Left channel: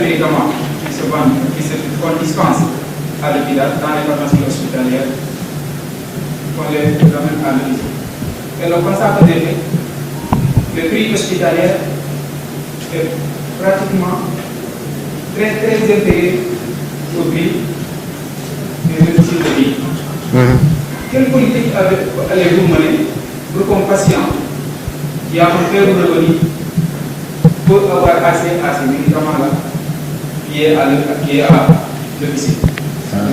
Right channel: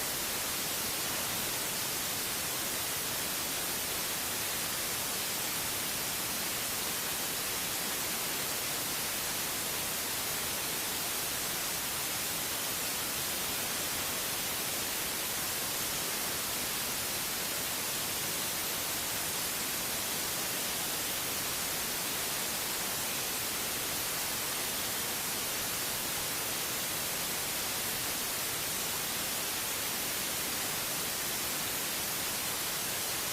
de médicaments qui qu'on dispense à l'hôpital, dans les pharmacies hospitalières, qu'on les amène à l'hôpital. Et le constat que j'ai fait, le prix hospitalier est pratiquement très inférieur au prix des médecines de vie. Quelle politique allez-vous mener pour qu'un patient qui a un faible revenu peut avoir accès à ces médicaments-là qui est à l'hôpital?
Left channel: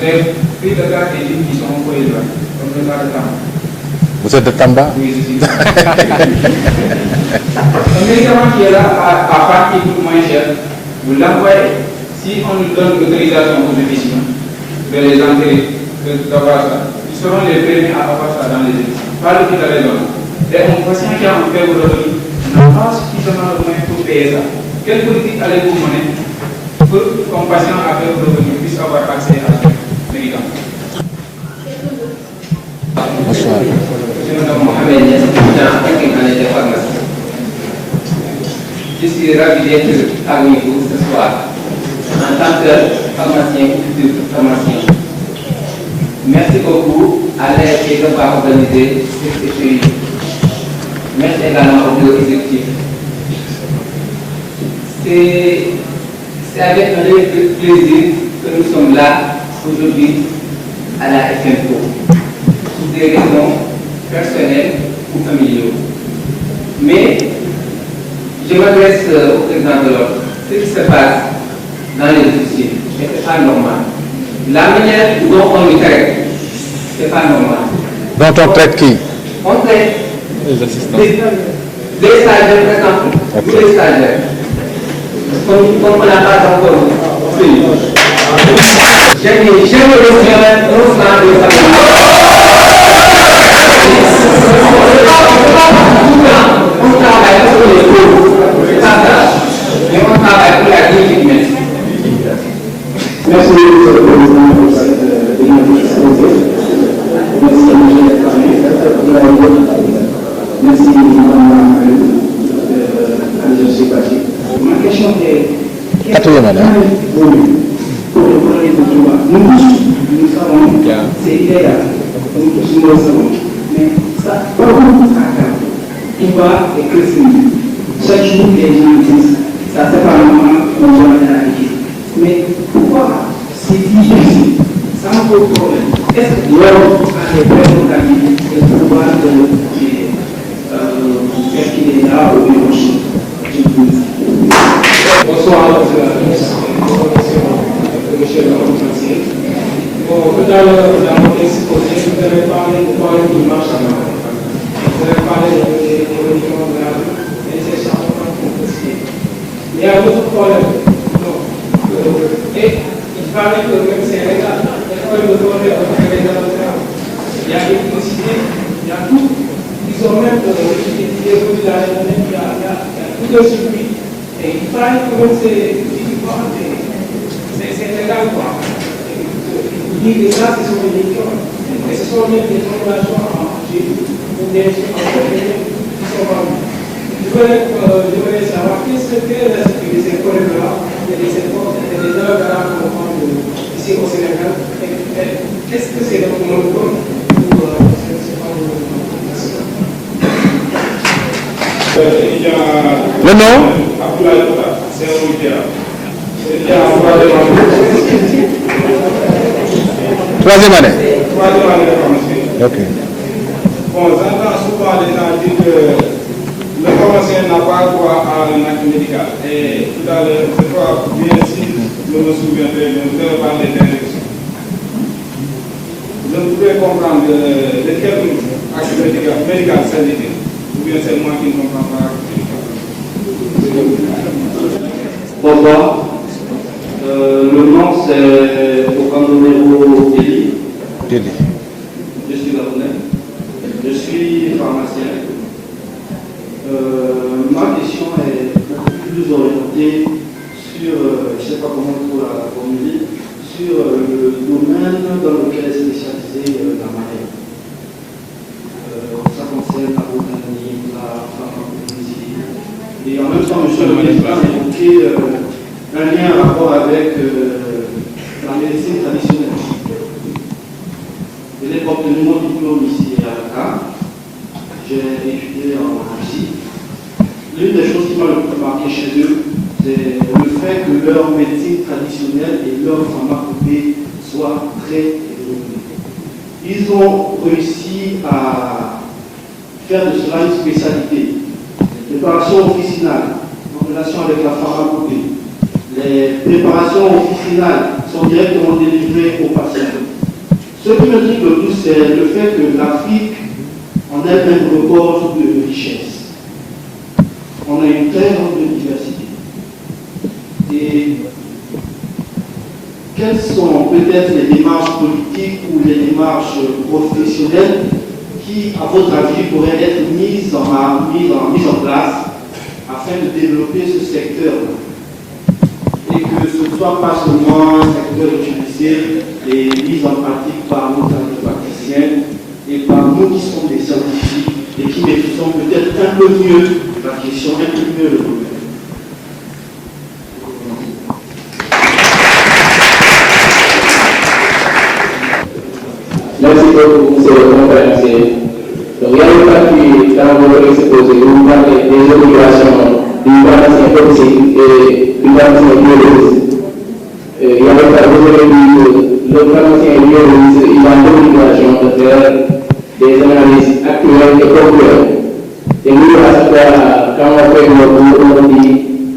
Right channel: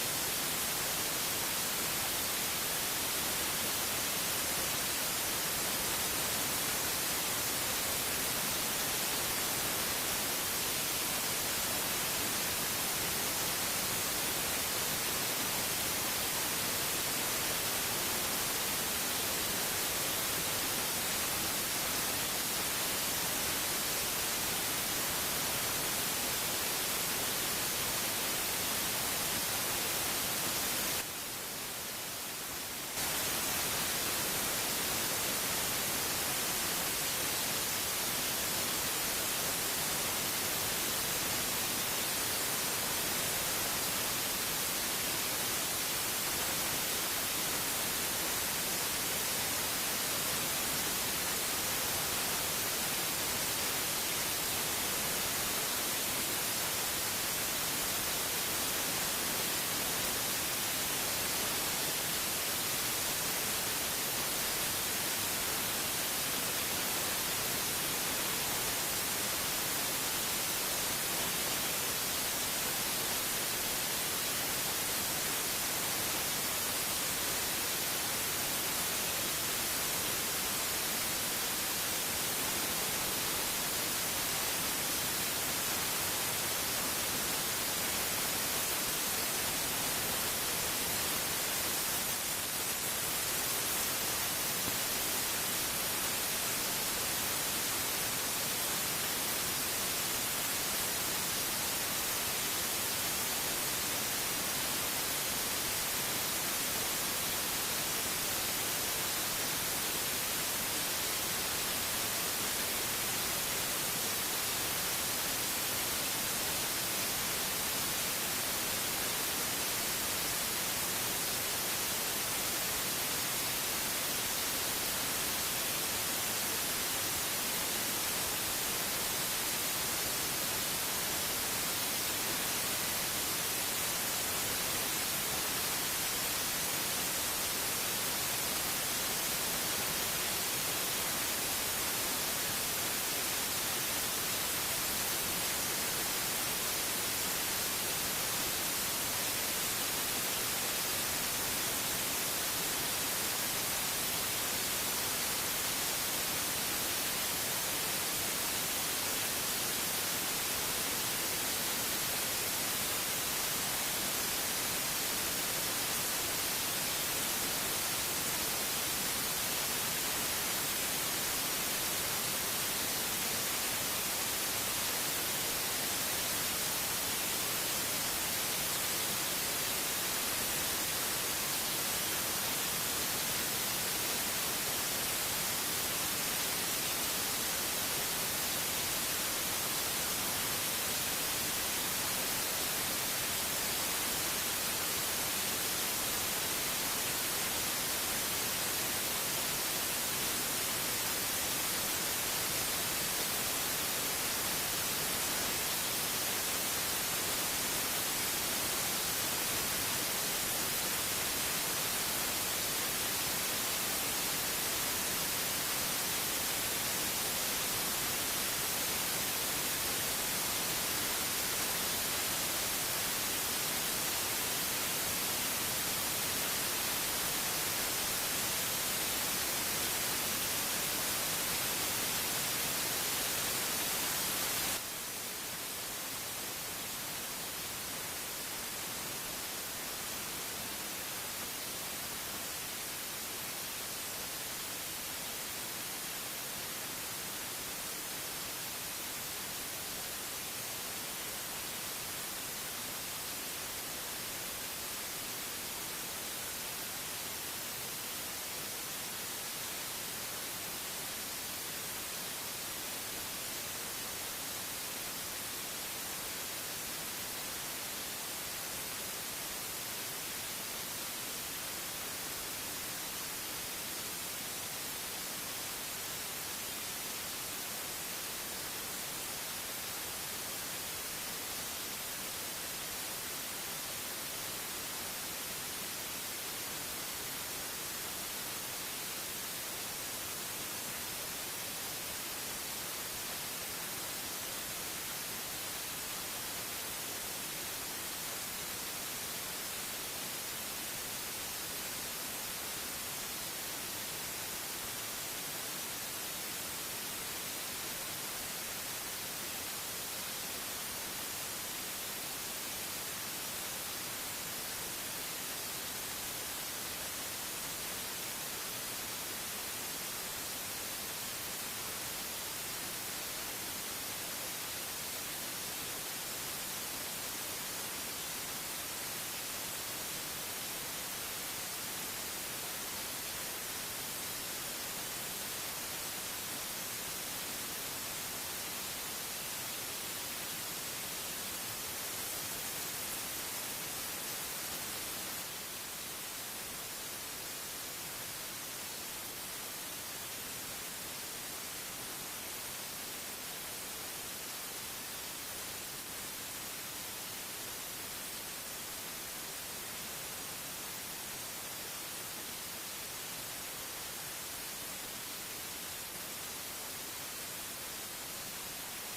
Les prix de garde et qui sont employés là, comme le cas de Tamba. Vous êtes de Tamba? Oui, je suis. Un médicament qui est là à part qui coûte moins cher, vous l'envoyez. Si on nous donne l'autorisation aux médecins de les enterrer, d'avoir ça, ils seront les premiers à avoir ça dans les églises. Pas le qui les donne. Et un patient qui a un faible revenu n'a pas suffisamment de moyens pour payer ça. Quelle politique allez-vous mener pour qu'un patient à faible revenu puisse avoir accès à ces médicaments? Bonsoir. Je suis ravi d'être avec vous ce soir en tant que pharmacien ou futur pharmacien. Merci beaucoup à l'AFP d'avoir organisé cette étude. Merci également au bureau exécutif. C'est avec un réel plaisir que nous sommes là aujourd'hui à la FNPO pour des raisons personnelles ou familiales. Mais je m'adresse au président de l'ordre. Ce qui se passe dans les officines n'est pas normal. La manière dont on le traite, ce n'est pas normal. Donc on traite qui? On traite les assistants. Des stagiaires, par exemple. Okay. Tous les stagiaires. Comme on n'a pas encore fait. Jamais reçu un plan de famille. On travaille pour les pauvres. C'est pas ça. Mais on travaille pour la dignité humaine. Merci, Monsieur le Président, pour cette démonstration. Merci, M. le Merci, Mme Patrick. Ma question est quatrième année. Pour le problème de droit, nous savons, c'est illégal. Nous le savons. Mais ça, il va et que chaque jour, les gens disent, ça c'est pas normal, on doit l'éradiquer. Mais pourquoi c'est difficile? Ça me pose problème. Est-ce que l'homme a les vraies organisations et le pouvoir de faire qu'il est là au débauché? Bonsoir, Monsieur le Président. Bon, tout à l'heure, dans votre exposé, vous avez parlé de problème du marché à main. Vous avez parlé de l'évolution de la vie et c'est ça qu'on peut confisquer. Il y a d'autres problèmes. Et il paraît que même c'est légal. Les problèmes de problème, c'est légal. Il y a l'électricité, il y a tout. Ils ont même développé la journée, il y a tout de circuit. Et il paraît que même c'est légal, quoi. Il dit que ça, ce sont des élections. Et ce sont même des populations en Chine, ou des gens qui sont vendus. Je voudrais savoir qu'est-ce que ces problèmes-là, et des œuvres à ici au Sénégal, est-ce que c'est le monopole ou c'est pas le monopole? Le nom? C'est un média. Troisième année. Troisième année de pharmacie. Ok. Bon, j'entends souvent les gens dire que le pharmacien n'a pas droit à un acte médical. Et tout à l'heure, je crois bien si je me souviens très bien, vous avez parlé d'injection. Je voudrais comprendre de quel acte médical s'agit-il. Ou bien c'est moi qui ne comprends pas. Bonsoir. Le nom c'est Okandonero Deli. Deli. Je suis Gabonais. Je suis pharmacien. Ma question est plus orientée sur, je ne sais pas comment pour la formuler, sur le domaine dans lequel est spécialisée la maladie. Ça concerne la botanique, la pharmacologie. Et en même temps, M. le ministre a évoqué un lien rapport avec la médecine traditionnelle. Je n'ai pas obtenu mon diplôme ici à Dakar. J'ai étudié en Asie. L'une des choses qui m'a le plus marqué chez eux, c'est le fait que leur médecine traditionnelle et leur pharmacopée soient très évoluées. Ils ont réussi à faire de cela une spécialité. Préparation officinale en relation avec la pharmacopée. Les préparations officinales sont directement délivrées aux patients. Ce qui me dit le plus, c'est le fait que l'Afrique en elle-même regorge de richesse. On a une très grande diversité. Et quelles sont peut-être les démarches politiques ou les démarches professionnelles qui, à votre avis, pourraient être mises en place afin de développer ce secteur et que ce ne soit pas seulement un secteur utilisé et mis en pratique par nos praticiens et par nous qui sommes des scientifiques et qui maîtrisons peut-être un peu mieux la question, un peu mieux le problème. Merci beaucoup, monsieur le conférencier. Donc, il y a une partie dans votre exposé où vous parlez des obligations du pharmacien toxique et du pharmacien biologiste. Il y a une partie où vous avez dit que le pharmacien biologiste il a l'obligation de faire des analyses actuelles et concluantes. Et nous, à chaque fois, quand on fait on dit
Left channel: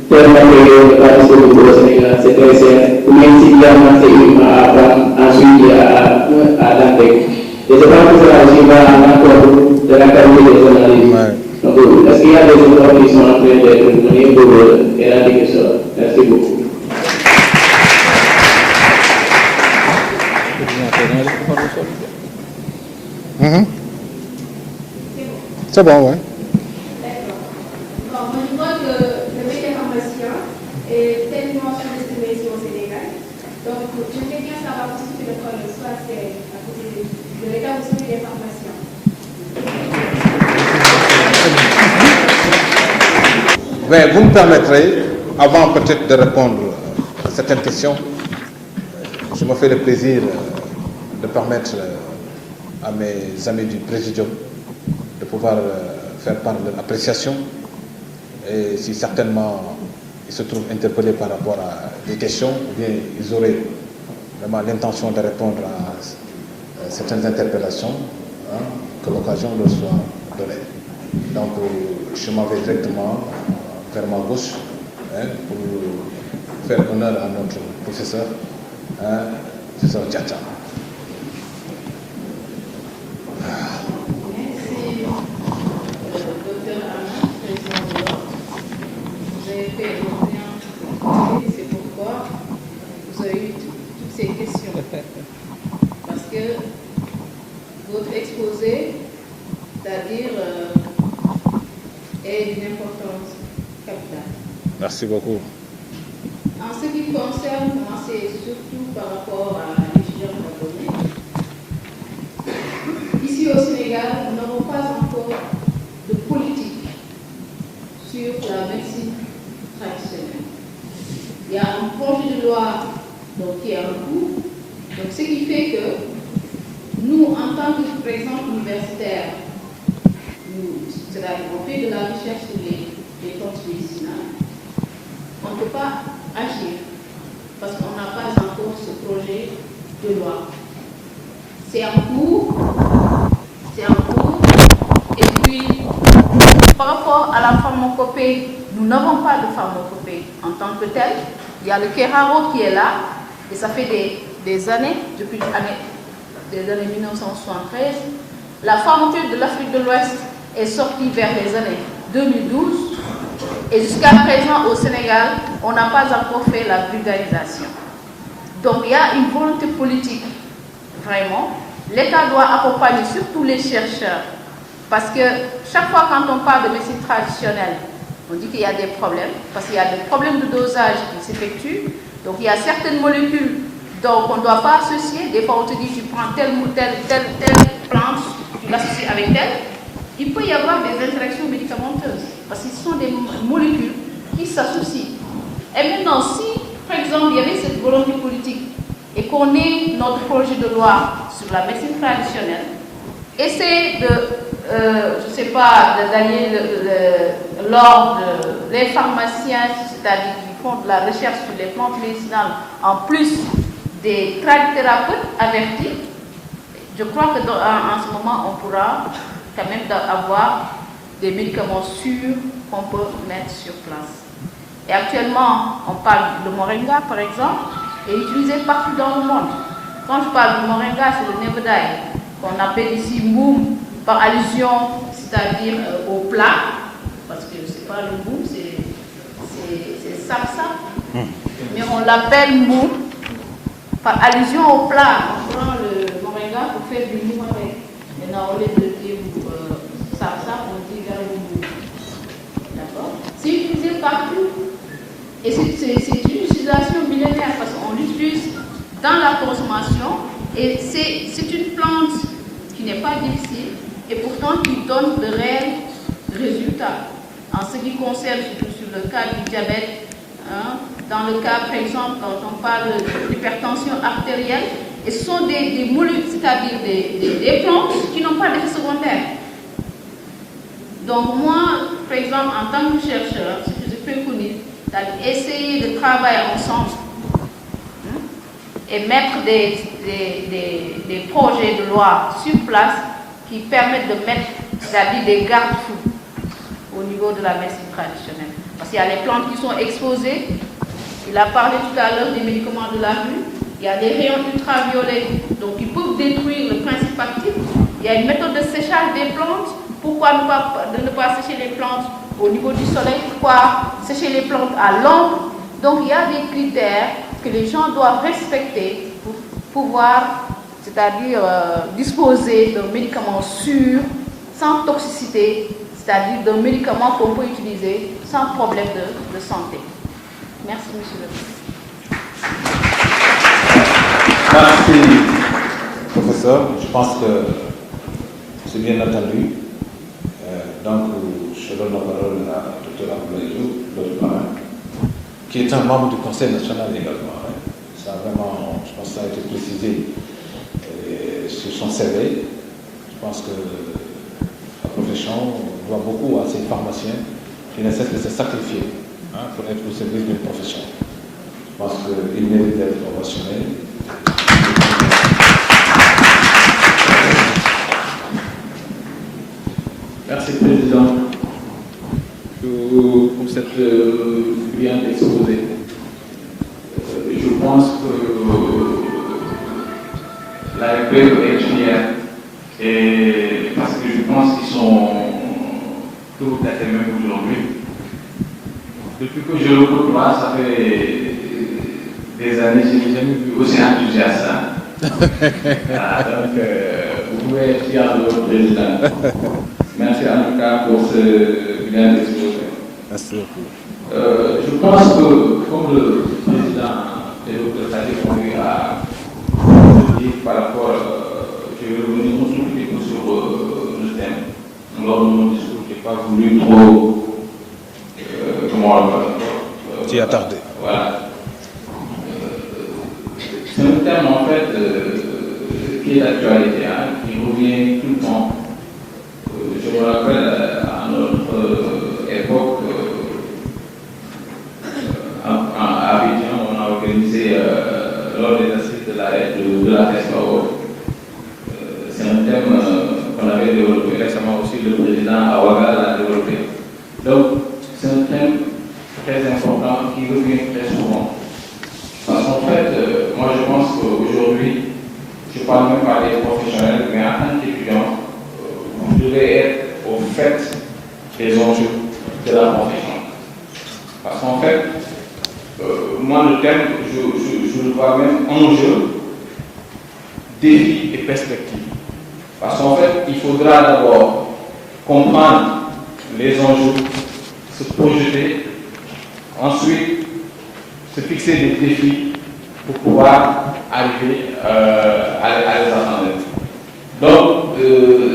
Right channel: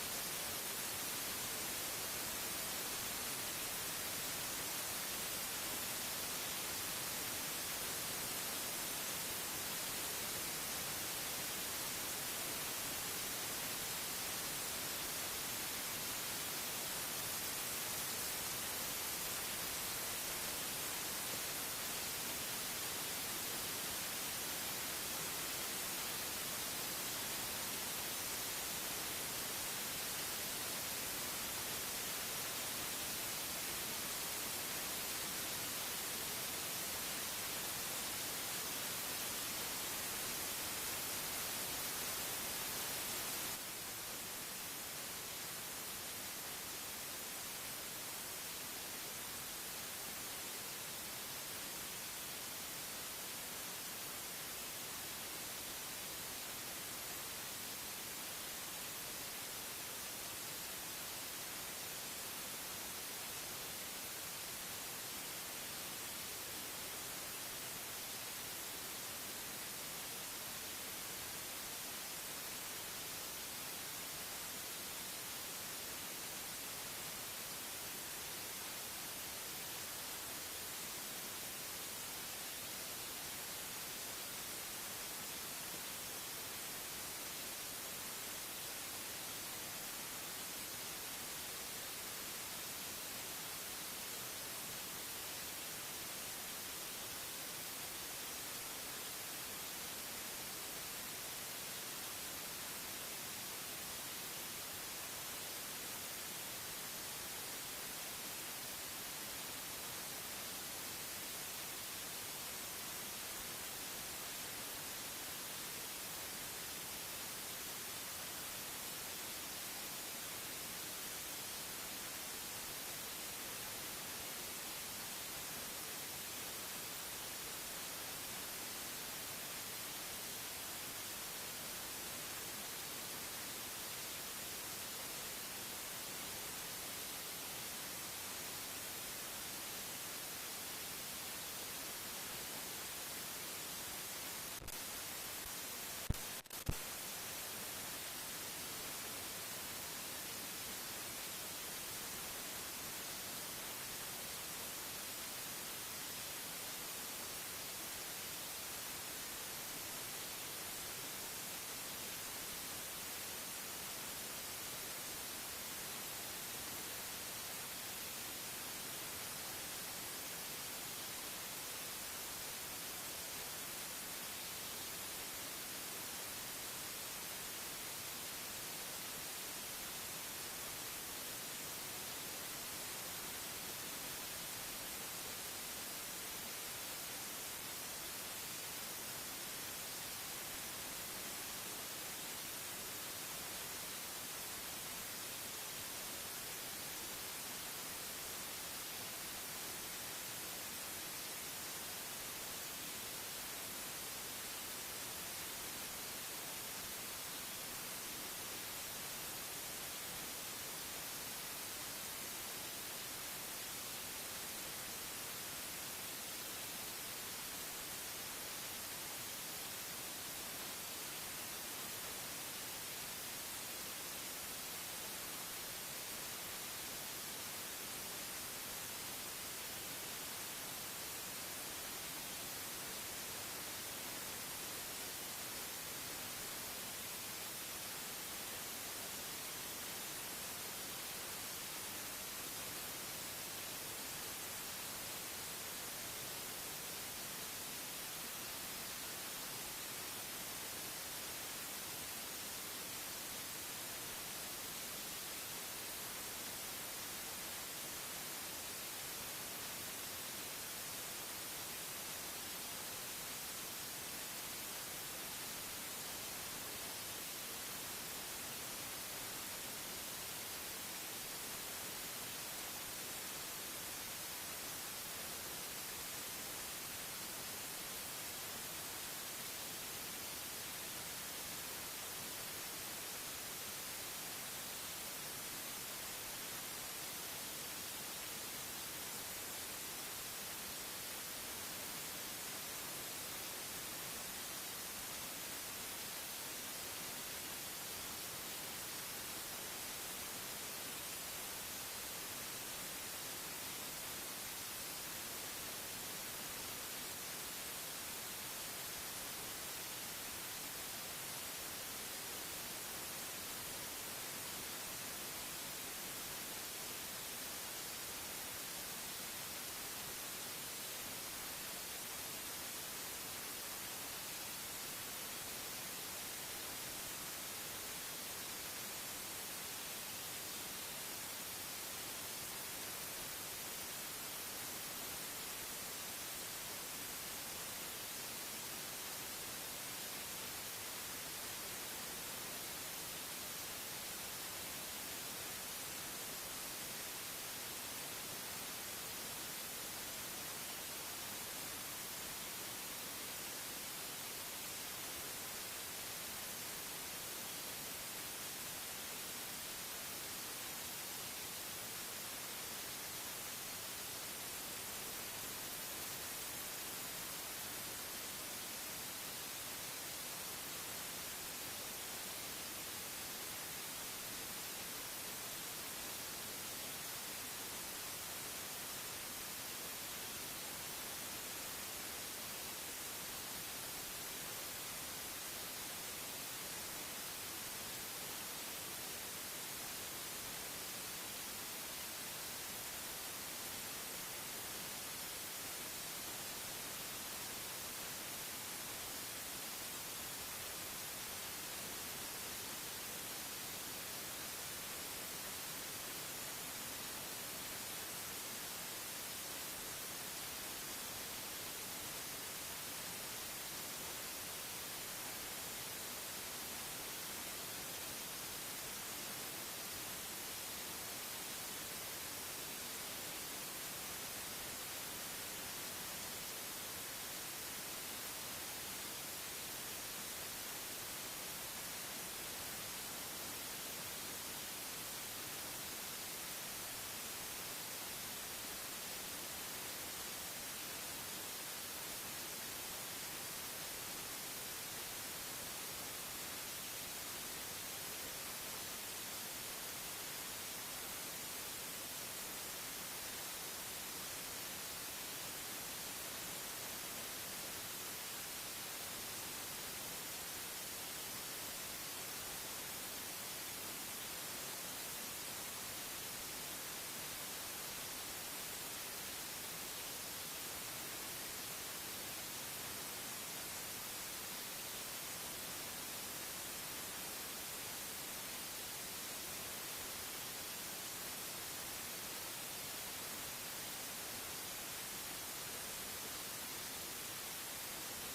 tel matériel n'est pas disponible au Sénégal, c'est très cher. Ou même s'il y a un matériel à apprendre, ensuite il y a à l'antec. Et je pense que cela aussi va encore de la qualité des analyses. Donc, est-ce qu'il y a des efforts qui sont en train d'être menés pour éradiquer cela? Merci beaucoup. C'est bon, oui. Bon, moi je vois que le métier pharmacien est tellement sous-estimé au Sénégal. Donc, j'aimerais bien savoir tout ce que le problème soit c'est à côté de l'État où sont les pharmaciens. Mais vous me permettrez, avant peut-être de répondre à certaines questions, je me fais le plaisir de permettre à mes amis du Présidium de pouvoir faire part de l'appréciation et si certainement ils se trouvent interpellés par rapport à des questions ou bien ils auraient vraiment l'intention de répondre à certaines interpellations, que l'occasion leur soit donnée. Donc je m'en vais directement vers ma gauche pour faire honneur à notre professeur, professeur Tchatcha. C'est pourquoi vous avez eu toutes ces questions. Parce que votre exposé, c'est-à-dire, est d'une importance capitale. Merci beaucoup. En ce qui me concerne, moi, c'est surtout par rapport à l'étudiant japonais. Ici au Sénégal, nous n'avons pas encore de politique sur la médecine traditionnelle. Il y a un projet de loi donc, qui est en cours. Donc, ce qui fait que nous, en tant que, par exemple, universitaires, on fait de la recherche sur les plantes médicinales. On ne peut pas agir parce qu'on n'a pas encore ce projet de loi. C'est en cours. Et puis, par rapport à la pharmacopée, nous n'avons pas de pharmacopée en tant que telle. Il y a le Keraro qui est là, et ça fait des années, depuis les années 1973. La pharmacopée de l'Afrique de l'Ouest est sortie vers les années 2012, et jusqu'à présent au Sénégal, on n'a pas encore fait la vulgarisation. Donc il y a une volonté politique, vraiment. L'État doit accompagner surtout les chercheurs, parce que chaque fois quand on parle de médecine traditionnelle, on dit qu'il y a des problèmes, parce qu'il y a des problèmes de dosage qui s'effectuent. Donc il y a certaines molécules dont on ne doit pas associer. Des fois on te dit tu prends telle plante, tu l'associes avec telle. Il peut y avoir des interactions médicamenteuses, parce que ce sont des molécules qui s'associent. Et maintenant, si par exemple, il y avait cette volonté politique et qu'on ait notre projet de loi sur la médecine traditionnelle, essayer de, je ne sais pas, d'aller l'ordre des pharmaciens, c'est-à-dire qui font de la recherche sur les plantes médicinales, en plus des tradithérapeutes avertis. Je crois que en ce moment, on pourra quand même avoir des médicaments sûrs qu'on peut mettre sur place. Et actuellement, on parle de moringa, par exemple, est utilisé partout dans le monde. Quand je parle de moringa, c'est le nebedaï, qu'on appelle ici moum, par allusion, c'est-à-dire au plat, parce que c'est pas le moum, c'est sapsa, mais on l'appelle moum, par allusion au plat. On prend le moringa pour faire du moum avec. Maintenant, au lieu de dire sapsa, on dit moum. D'accord? C'est utilisé partout. Et c'est une utilisation millénaire parce qu'on l'utilise dans la consommation et c'est une plante qui n'est pas difficile et pourtant qui donne de réels résultats. En ce qui concerne, surtout sur le cas du diabète, hein, dans le cas, par exemple, quand on parle d'hypertension artérielle, et ce sont des molécules, c'est-à-dire des plantes qui n'ont pas d'effet secondaire. Donc moi, par exemple, en tant que chercheur, ce que je préconise, c'est essayer de travailler ensemble et mettre des projets de loi sur place qui permettent de mettre, c'est-à-dire des garde-fous au niveau de la médecine traditionnelle. Parce qu'il y a les plantes qui sont exposées, il a parlé tout à l'heure des médicaments de la rue, il y a des rayons ultraviolets, donc ils peuvent détruire le principe actif. Il y a une méthode de séchage des plantes. Pourquoi ne pas sécher les plantes au niveau du soleil? Pourquoi sécher les plantes à l'ombre? Donc il y a des critères que les gens doivent respecter pour pouvoir, c'est-à-dire disposer d'un médicament sûr, sans toxicité, c'est-à-dire d'un médicament qu'on peut utiliser sans problème de santé. Merci, monsieur le ministre. Merci, professeur. Je pense que c'est bien entendu. Donc, je donne la parole à Dr. Abdoulaye, l'autre parrain, qui est un membre du Conseil national également. Ça vraiment, je pense que ça a été précisé sur son CV. Je pense que la profession doit beaucoup à ces pharmaciens qui ne cessent de se sacrifier pour être au service d'une profession. Je pense qu'il mérite d'être ovationné. Merci, Président, pour cette brillante exposé. Je pense que la RP est fière, et parce que je pense qu'ils sont tout à fait même aujourd'hui. Depuis que je le côtoie, ça fait des années, je n'ai jamais vu aussi enthousiaste. Donc, vous pouvez être fier de votre président. Merci en tout cas pour ce bien exposé. Merci beaucoup. Je pense que, comme le président et le président a dit par rapport, je vais revenir un tout petit peu sur le thème. Lors de mon discours, je n'ai pas voulu trop. Tu es attardé. Voilà. C'est un thème en fait qui est d'actualité, qui revient tout le temps. Je me rappelle à notre époque, à Abidjan, on a organisé lors des assises de la FSO. C'est un thème qu'on avait développé récemment aussi, le président Awaga l'a développé. Donc, c'est un thème très important qui revient très souvent. Parce qu'en fait, moi je pense qu'aujourd'hui, je ne parle même pas des professionnels, mais en tant qu'étudiant, vous devez être au fait des enjeux de la profession. Parce qu'en fait, moi le thème, je le vois même enjeu, défis et perspectives. Parce qu'en fait, il faudra d'abord comprendre les enjeux, se projeter, ensuite se fixer des défis pour pouvoir arriver à les atteindre. Donc,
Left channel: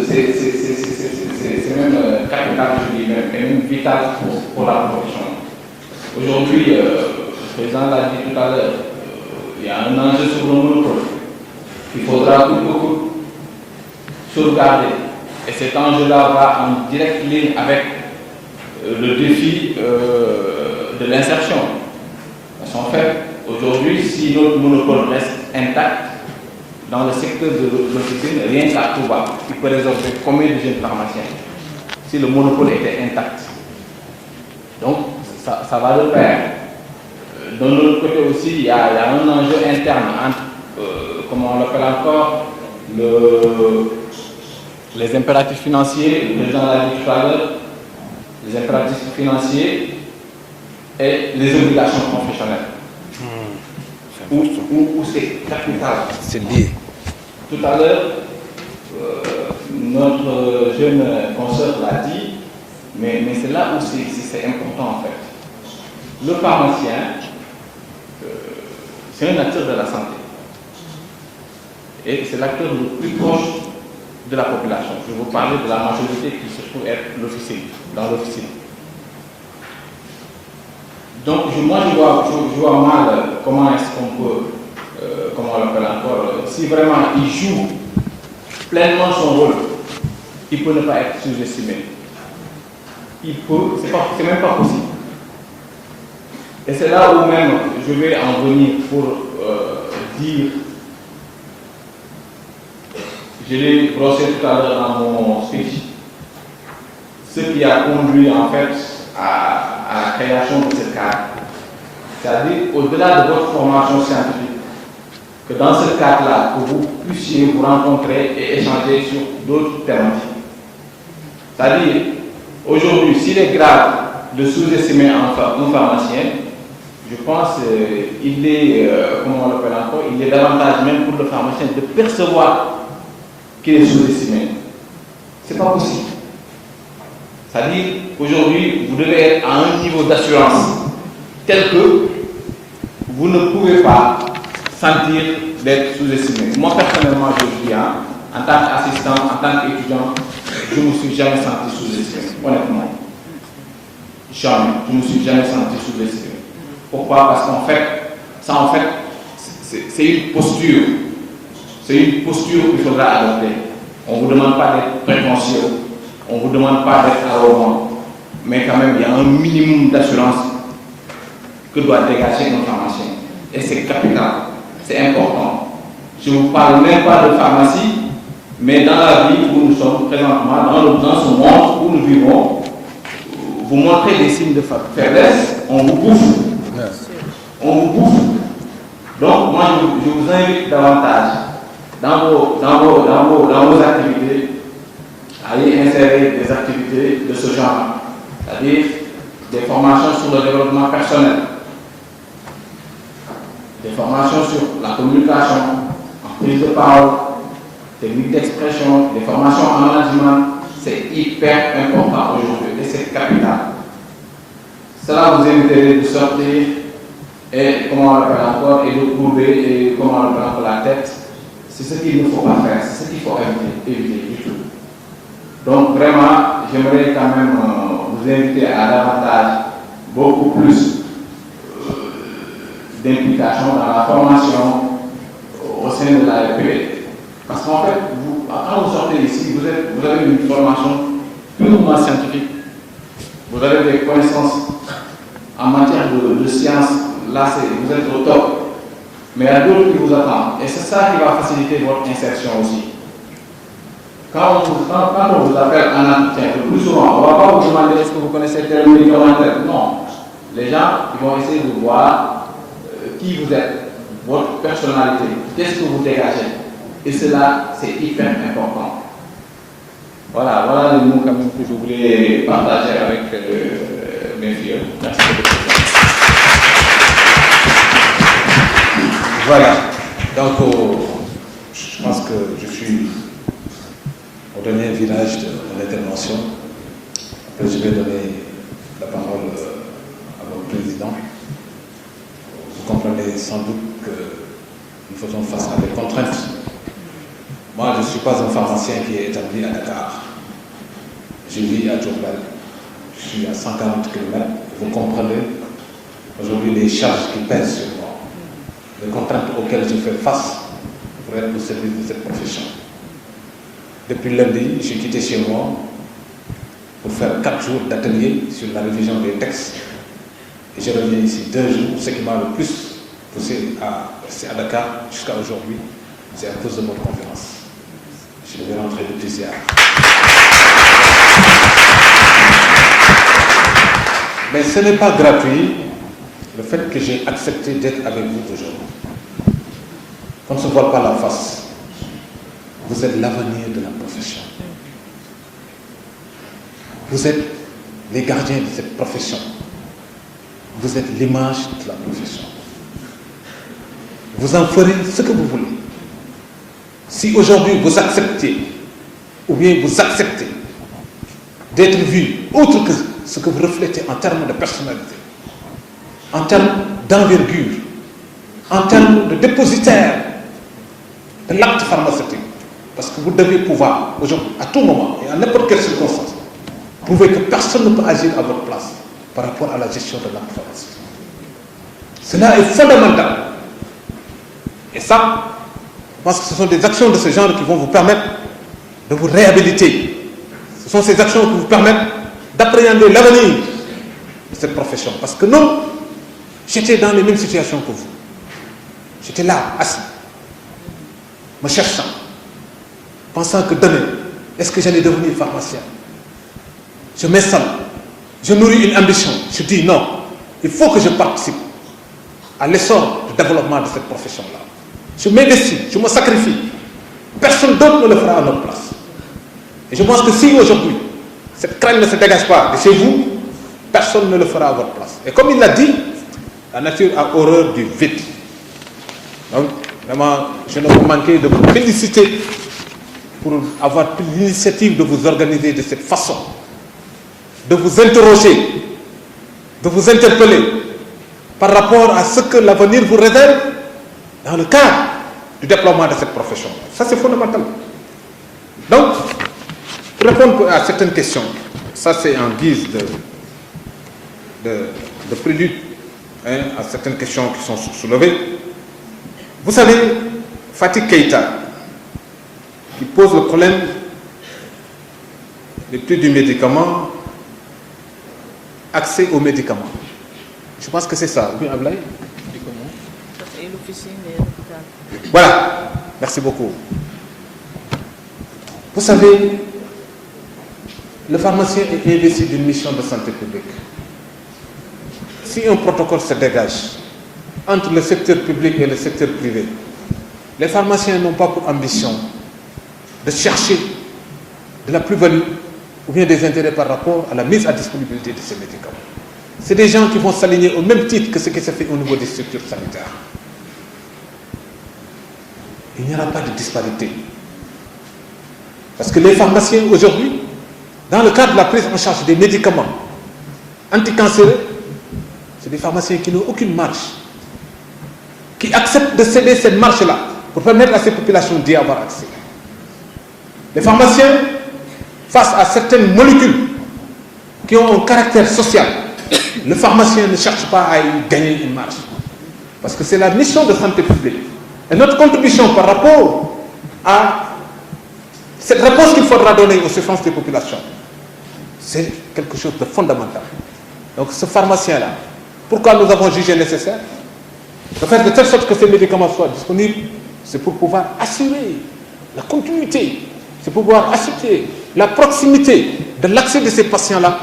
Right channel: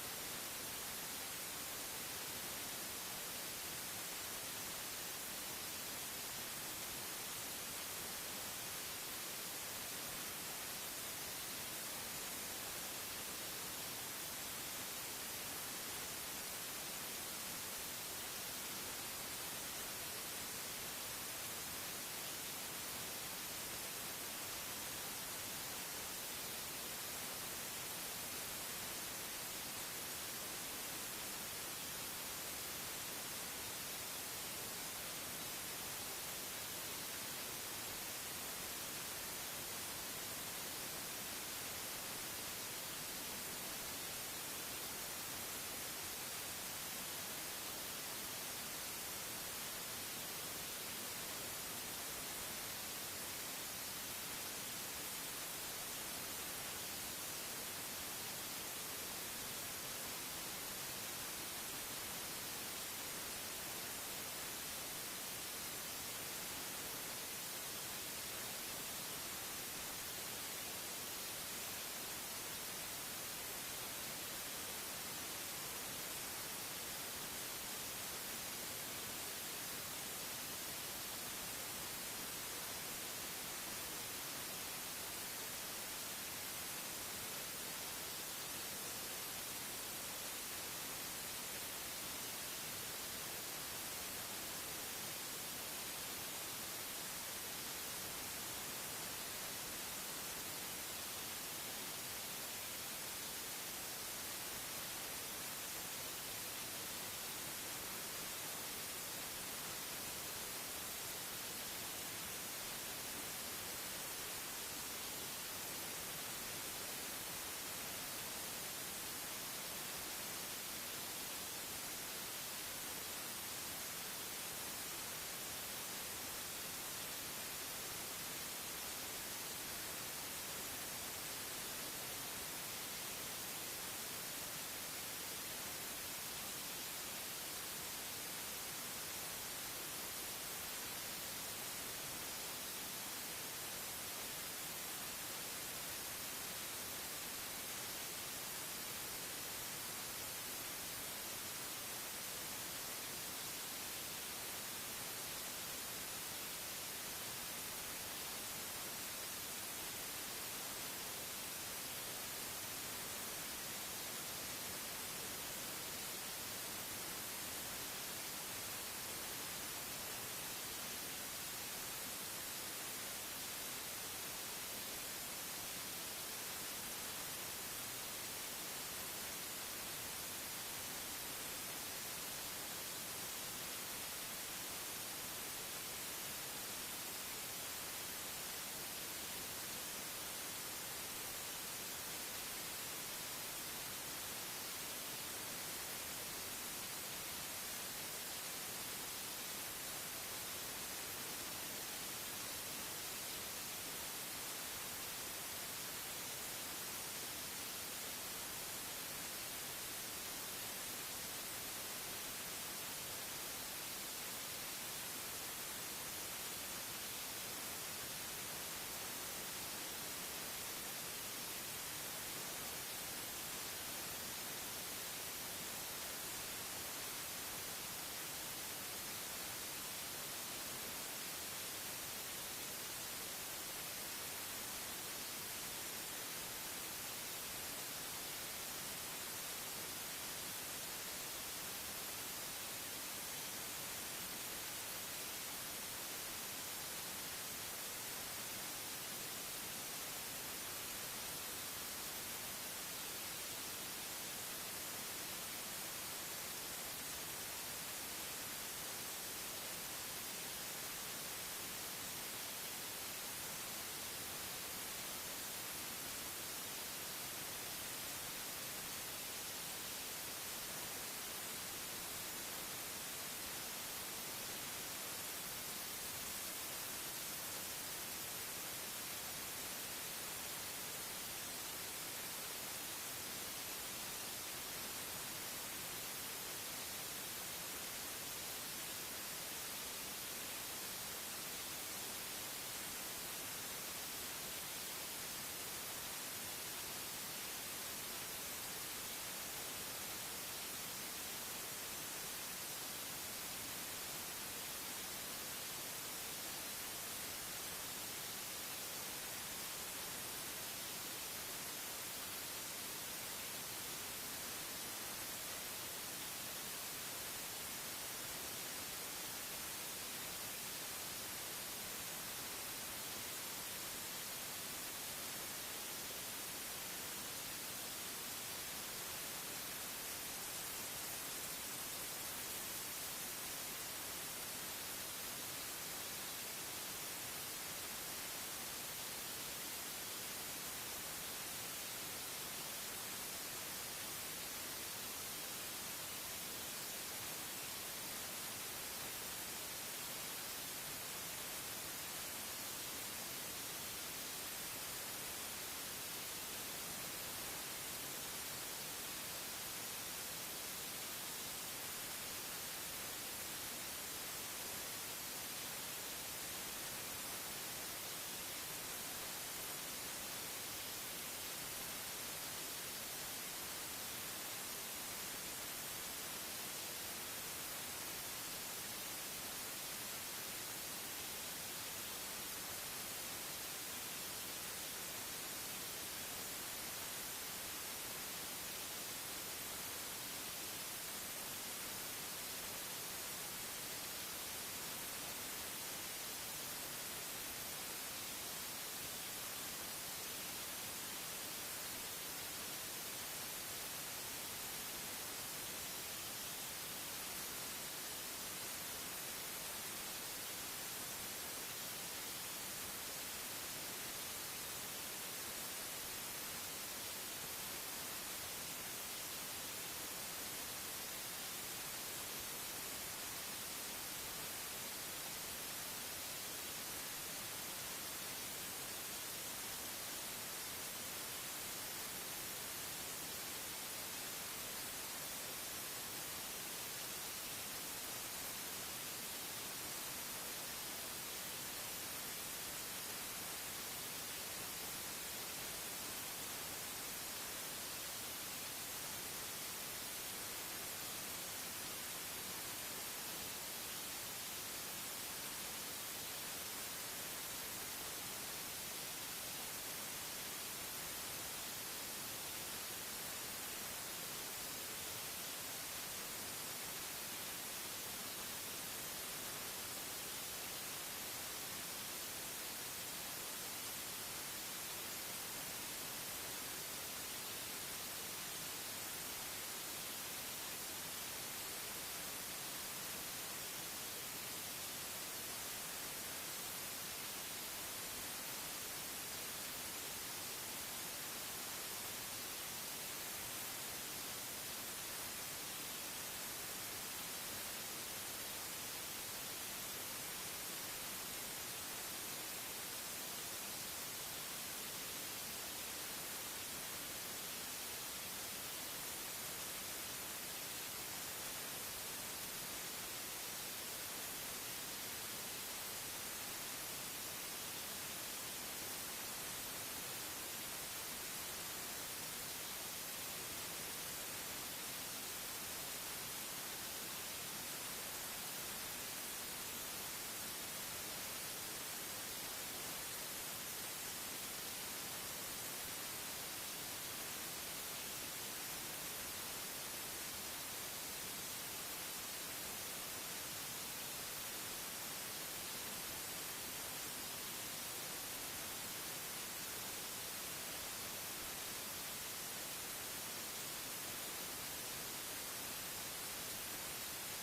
c'est même capital, je dis, même vital pour la profession. Aujourd'hui, président l'a dit tout à l'heure, il y a un enjeu sur le monopole qu'il faudra beaucoup sauvegarder. Et cet enjeu-là va en directe ligne avec le défi de l'insertion. Parce qu'en fait, aujourd'hui, si notre monopole reste intact, dans le secteur de l'officine, rien qu'à Touba, il peut résorber combien de jeunes pharmaciens si le monopole était intact. Donc, ça va de pair. De l'autre côté aussi, il y a un enjeu interne entre, comment on l'appelle encore, les impératifs financiers, le président l'a dit tout à l'heure, les impératifs financiers et les obligations professionnelles. Où c'est capital. C'est lié. Tout à l'heure, notre jeune consoeur l'a dit, mais c'est là où c'est important en fait. Le pharmacien, c'est un acteur de la santé. Et c'est l'acteur le plus proche de la population. Je vais vous parler de la majorité qui se trouve être dans l'officine. Donc moi je vois mal comment est-ce qu'on peut, comment on l'appelle encore, si vraiment il joue pleinement son rôle, il peut ne pas être sous-estimé. Il peut, c'est même pas possible. Et c'est là où même je vais en venir pour dire, je l'ai brossé tout à l'heure dans mon speech, ce qui a conduit en fait à la création de cette carte. C'est-à-dire, au-delà de votre formation scientifique, que dans ce cadre-là, que vous puissiez vous rencontrer et échanger sur d'autres thématiques. C'est-à-dire, aujourd'hui, s'il est grave de sous-estimer un pharmacien, je pense qu'il est, comment on l'appelle encore, il est davantage même pour le pharmacien de percevoir qu'il est sous-estimé. C'est pas possible. C'est-à-dire, aujourd'hui, vous devez être à un niveau d'assurance tel que vous ne pouvez pas sentir d'être sous-estimé. Moi, personnellement, je le dis, en tant qu'assistant, en tant qu'étudiant, je ne me suis jamais senti sous-estimé, honnêtement. Jamais. Je ne me suis jamais senti sous-estimé. Pourquoi? Parce qu'en fait, ça, en fait, c'est une posture. C'est une posture qu'il faudra adopter. On ne vous demande pas d'être prétentieux. On ne vous demande pas d'être arrogant. Mais quand même, il y a un minimum d'assurance que doit dégager un pharmacien. Et c'est capital. C'est important. Je ne vous parle même pas de pharmacie, mais dans la vie où nous sommes présentement, dans ce monde où nous vivons, vous montrez des signes de faiblesse, on vous bouffe. On vous bouffe. Donc, moi, je vous invite davantage dans vos activités à y insérer des activités de ce genre, c'est-à-dire des formations sur le développement personnel, des formations sur la communication, en prise de parole, technique d'expression, des formations en management. C'est hyper important aujourd'hui et c'est capital. Cela vous éviterait de sortir et, comment on l'appelle encore, et de courber et, comment on l'appelle encore, la tête. C'est ce qu'il ne faut pas faire, c'est ce qu'il faut éviter du tout. Donc vraiment, j'aimerais quand même vous inviter à davantage, beaucoup plus d'implication dans la formation au sein de l'AFP. Parce qu'en fait, quand vous sortez ici, vous avez une formation purement scientifique. Vous avez des connaissances en matière de sciences. Là, vous êtes au top. Mais il y a d'autres qui vous attendent. Et c'est ça qui va faciliter votre insertion aussi. Quand on vous appelle en entretien, le plus souvent, on ne va pas vous demander est-ce que vous connaissez tel médicament. Non. Les gens ils vont essayer de voir qui vous êtes, votre personnalité, qu'est-ce que vous dégagez. Et cela, c'est hyper important. Voilà les mots quand même que je voulais partager avec mes filles. Merci beaucoup. Voilà. Donc, je pense que je suis au dernier virage de l'intervention. Après, je vais donner la parole à votre président. Vous comprenez sans doute que nous faisons face à des contraintes. Moi, je ne suis pas un pharmacien qui est établi à Dakar. Je vis à Diourbel. Je suis à 140 km. Vous comprenez aujourd'hui les charges qui pèsent sur moi, les contraintes auxquelles je fais face pour être au service de cette profession. Depuis lundi, j'ai quitté chez moi pour faire 4 jours d'atelier sur la révision des textes. Et je reviens ici 2 jours. Ce qui m'a le plus poussé à rester à Dakar jusqu'à aujourd'hui, c'est à cause de votre conférence. Je vais rentrer de plaisir. Mais ce n'est pas gratuit le fait que j'ai accepté d'être avec vous aujourd'hui. On ne se voit pas la face. Vous êtes l'avenir de la profession. Vous êtes les gardiens de cette profession. Vous êtes l'image de la profession. Vous en ferez ce que vous voulez. Si aujourd'hui vous acceptez, ou bien vous acceptez d'être vu autre que ce que vous reflétez en termes de personnalité, en termes d'envergure, en termes de dépositaire de l'acte pharmaceutique, parce que vous devez pouvoir, aujourd'hui, à tout moment et à n'importe quelle circonstance, prouver que personne ne peut agir à votre place par rapport à la gestion de l'acte pharmaceutique. Cela est fondamental. Et ça, je pense que ce sont des actions de ce genre qui vont vous permettre de vous réhabiliter. Ce sont ces actions qui vous permettent d'appréhender l'avenir de cette profession. Parce que non, j'étais dans les mêmes situations que vous. J'étais là, assis, me cherchant, pensant que demain, est-ce que j'allais devenir pharmacien? Je m'installe, je nourris une ambition. Je dis non, il faut que je participe à l'essor du développement de cette profession-là. Je m'investis, je me sacrifie. Personne d'autre ne le fera à notre place. Et je pense que si aujourd'hui, cette crainte ne se dégage pas de chez vous, personne ne le fera à votre place. Et comme il l'a dit, la nature a horreur du vide. Donc, vraiment, je ne peux manquer de vous féliciter pour avoir pris l'initiative de vous organiser de cette façon, de vous interroger, de vous interpeller par rapport à ce que l'avenir vous réserve dans le cadre du déploiement de cette profession. Ça, c'est fondamental. Donc, pour répondre à certaines questions, ça c'est en guise de prélude à certaines questions qui sont soulevées. Vous savez, Fatih Keïta, qui pose le problème des prix du médicament, accès aux médicaments. Je pense que c'est ça. Oui, Ablaye? Voilà, merci beaucoup. Vous savez, le pharmacien est investi d'une mission de santé publique. Si un protocole se dégage entre le secteur public et le secteur privé, les pharmaciens n'ont pas pour ambition de chercher de la plus-value ou bien des intérêts par rapport à la mise à disponibilité de ces médicaments. C'est des gens qui vont s'aligner au même titre que ce qui se fait au niveau des structures sanitaires. Il n'y aura pas de disparité. Parce que les pharmaciens aujourd'hui, dans le cadre de la prise en charge des médicaments anticancéreux, c'est des pharmaciens qui n'ont aucune marge, qui acceptent de céder cette marge-là pour permettre à ces populations d'y avoir accès. Les pharmaciens, face à certaines molécules qui ont un caractère social, le pharmacien ne cherche pas à y gagner une marge. Parce que c'est la mission de santé publique. Et notre contribution par rapport à cette réponse qu'il faudra donner aux souffrances des populations, c'est quelque chose de fondamental. Donc ce pharmacien-là, pourquoi nous avons jugé nécessaire de faire de telle sorte que ces médicaments soient disponibles? C'est pour pouvoir assurer la continuité, c'est pour pouvoir assurer la proximité de l'accès de ces patients-là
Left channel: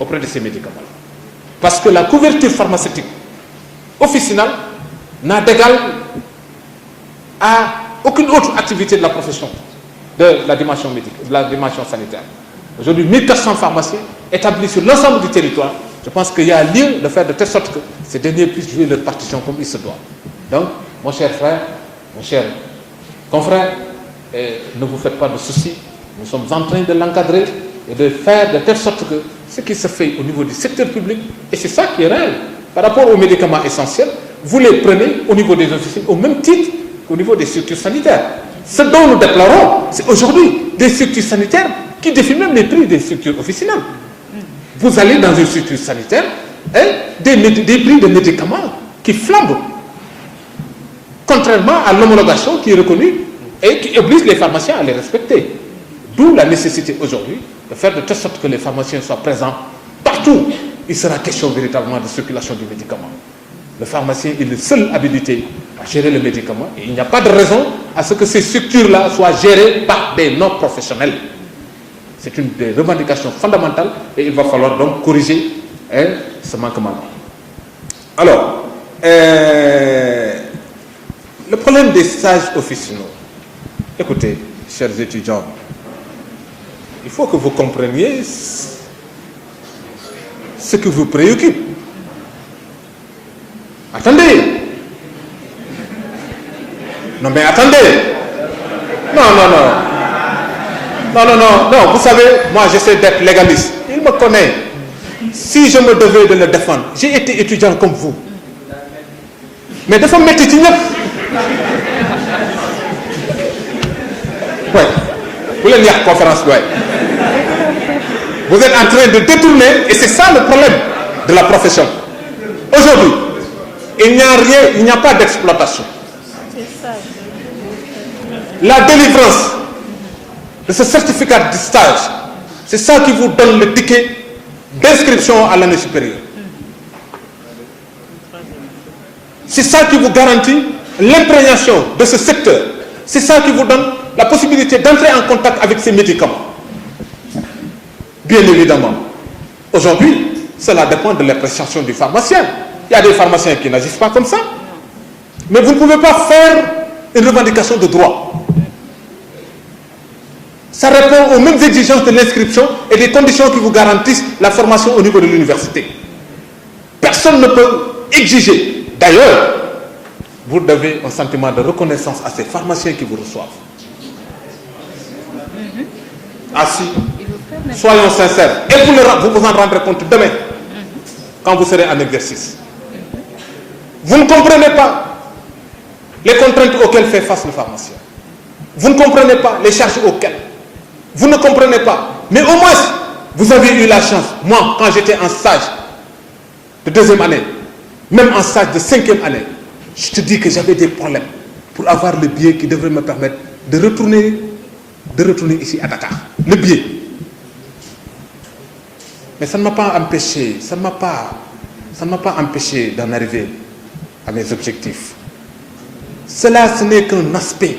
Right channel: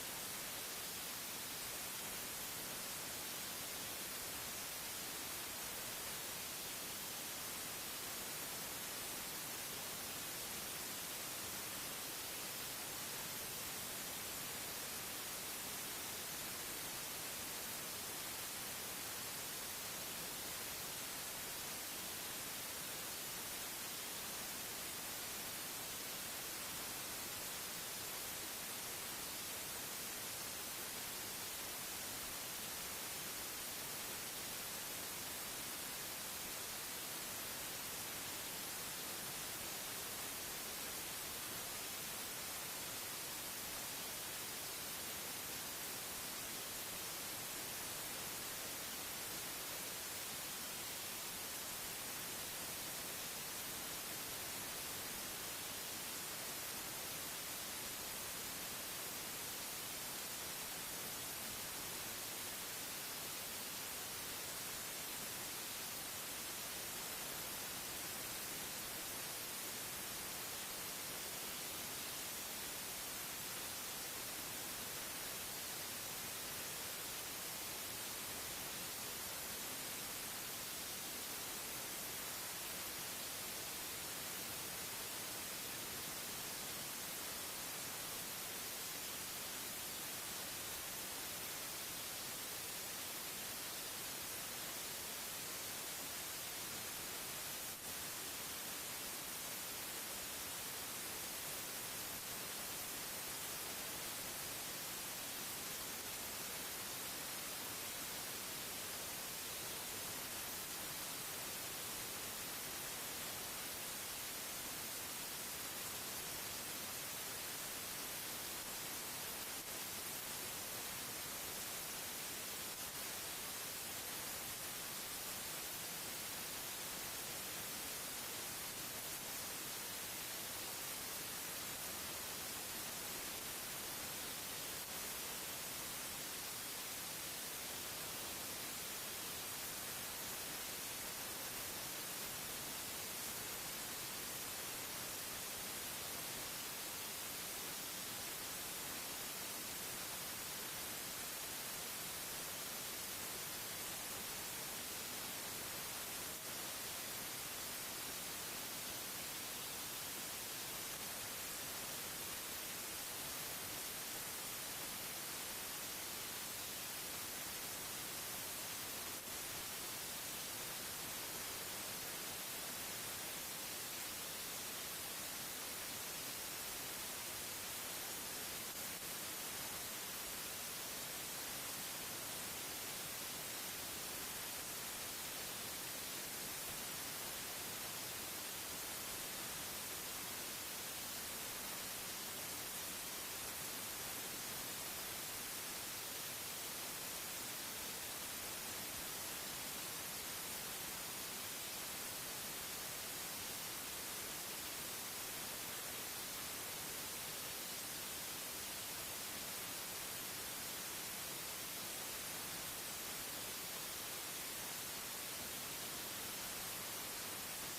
auprès de ces médicaments-là. Parce que la couverture pharmaceutique officinale n'a d'égal à aucune autre activité de la profession, de la dimension médicale, de la dimension sanitaire. Aujourd'hui, 1400 pharmaciens établis sur l'ensemble du territoire. Je pense qu'il y a lieu de faire de telle sorte que ces derniers puissent jouer leur partition comme il se doit. Donc, mon cher frère, mon cher confrère, ne vous faites pas de soucis. Nous sommes en train de l'encadrer et de faire de telle sorte que ce qui se fait au niveau du secteur public, et c'est ça qui est réel, par rapport aux médicaments essentiels, vous les prenez au niveau des officines au même titre qu'au niveau des structures sanitaires. Ce dont nous déplorons, c'est aujourd'hui des structures sanitaires qui défient même les prix des structures officinales. Vous allez dans une structure sanitaire, des prix de médicaments qui flambent, contrairement à l'homologation qui est reconnue et qui oblige les pharmaciens à les respecter. D'où la nécessité aujourd'hui de faire de telle sorte que les pharmaciens soient présents partout. Il sera question véritablement de circulation du médicament. Le pharmacien est le seul habilité à gérer le médicament et il n'y a pas de raison à ce que ces structures-là soient gérées par des non-professionnels. C'est une des revendications fondamentales et il va falloir donc corriger ce manquement. Alors, le problème des stages officinaux. Écoutez, chers étudiants, il faut que vous compreniez ce qui vous préoccupe. Attendez. Non, mais attendez. Non. Vous savez, moi j'essaie d'être légaliste. Il me connaît. Si je me devais de le défendre, j'ai été étudiant comme vous. Mais de faire mettre ouais. Vous voulez dire conférence, ouais. Vous êtes en train de détourner, et c'est ça le problème de la profession. Aujourd'hui, il n'y a pas d'exploitation. La délivrance de ce certificat de stage, c'est ça qui vous donne le ticket d'inscription à l'année supérieure. C'est ça qui vous garantit l'imprégnation de ce secteur. C'est ça qui vous donne la possibilité d'entrer en contact avec ces médicaments. Bien évidemment, aujourd'hui, cela dépend de l'appréciation du pharmacien. Il y a des pharmaciens qui n'agissent pas comme ça. Mais vous ne pouvez pas faire une revendication de droit. Ça répond aux mêmes exigences de l'inscription et des conditions qui vous garantissent la formation au niveau de l'université. Personne ne peut exiger. D'ailleurs, vous devez un sentiment de reconnaissance à ces pharmaciens qui vous reçoivent. Ainsi, soyons sincères. Et vous vous en rendrez compte demain, quand vous serez en exercice. Vous ne comprenez pas les contraintes auxquelles fait face le pharmacien. Vous ne comprenez pas les charges auxquelles. Vous ne comprenez pas. Mais au moins, vous avez eu la chance. Moi, quand j'étais en stage de 2e année, même en stage de 5e année, je te dis que j'avais des problèmes pour avoir le billet qui devrait me permettre de retourner ici à Dakar. Le billet. Mais ça ne m'a pas empêché, ça ne m'a pas empêché d'en arriver à mes objectifs. Cela, ce n'est qu'un aspect.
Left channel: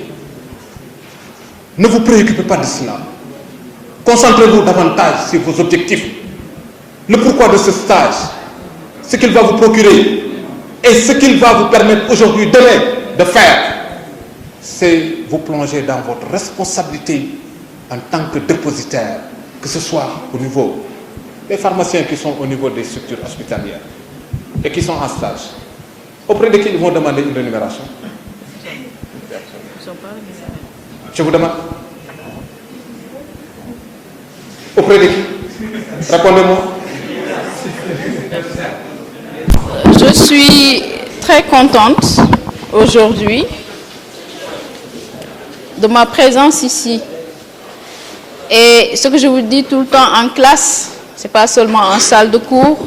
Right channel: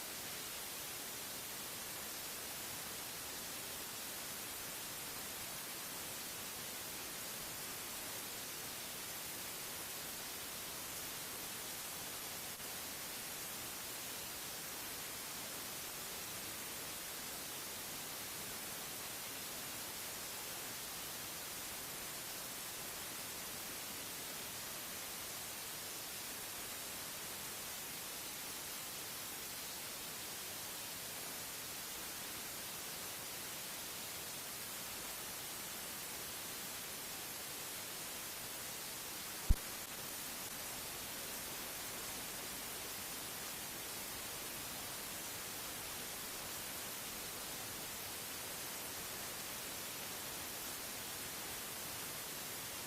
Ne vous préoccupez pas de cela. Concentrez-vous davantage sur vos objectifs. Le pourquoi de ce stage, ce qu'il va vous procurer et ce qu'il va vous permettre aujourd'hui, demain, de faire, c'est vous plonger dans votre responsabilité en tant que dépositaire, que ce soit au niveau des pharmaciens qui sont au niveau des structures hospitalières et qui sont en stage. Auprès de qui ils vont demander une rémunération? Je vous demande. Auprès de qui? Répondez-moi. Je suis très contente aujourd'hui de ma présence ici. Et ce que je vous dis tout le temps en classe, ce n'est pas seulement en salle de cours,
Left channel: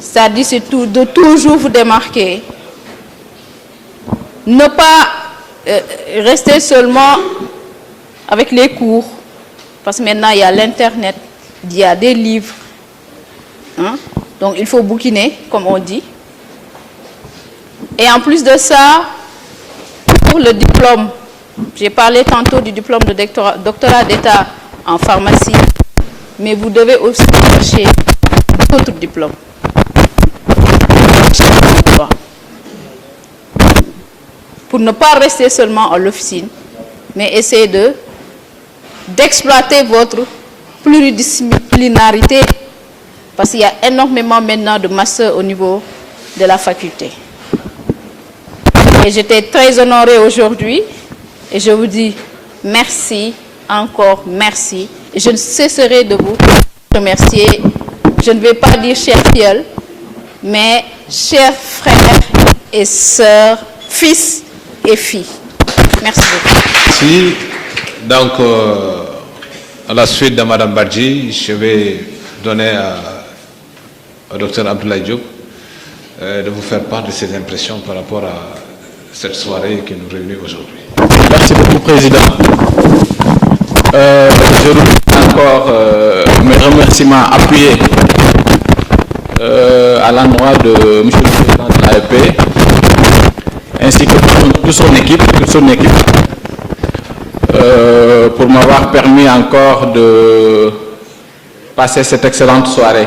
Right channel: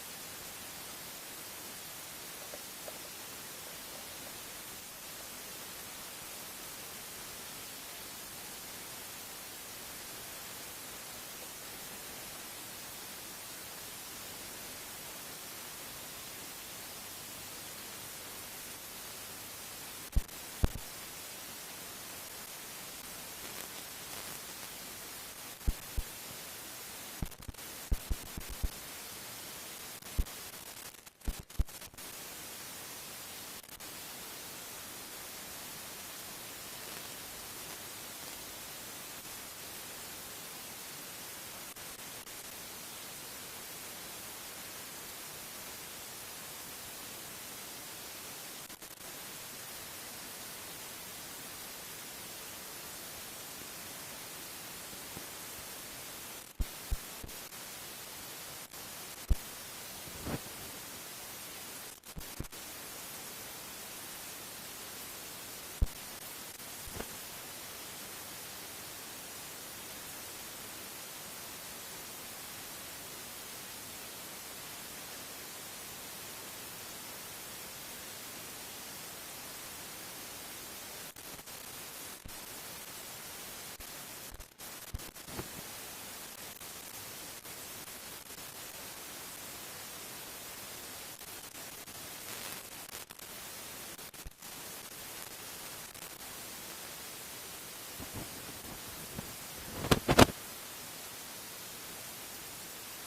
c'est-à-dire c'est de toujours vous démarquer. Ne pas rester seulement avec les cours, parce que maintenant il y a l'Internet, il y a des livres. Hein? Donc il faut bouquiner, comme on dit. Et en plus de ça, pour le diplôme, j'ai parlé tantôt du diplôme de doctorat d'État en pharmacie, mais vous devez aussi chercher d'autres diplômes. Pour ne pas rester seulement à l'officine, mais essayer d'exploiter votre pluridisciplinarité, parce qu'il y a énormément maintenant de masters au niveau de la faculté. Et j'étais très honorée aujourd'hui, et je vous dis merci, encore merci, et je ne cesserai de vous remercier. Je ne vais pas dire cher filleul, mais chers frères et sœurs, fils et filles. Merci beaucoup. Merci. Donc, à la suite de Mme Badji, je vais donner au Dr Abdoulaye Diop de vous faire part de ses impressions par rapport à cette soirée qui nous réunit aujourd'hui. Merci beaucoup, Président. Je remercie encore mes remerciements appuyés à l'endroit de M. le Président de l'AEP, ainsi que toute son équipe, pour m'avoir permis encore de passer cette excellente soirée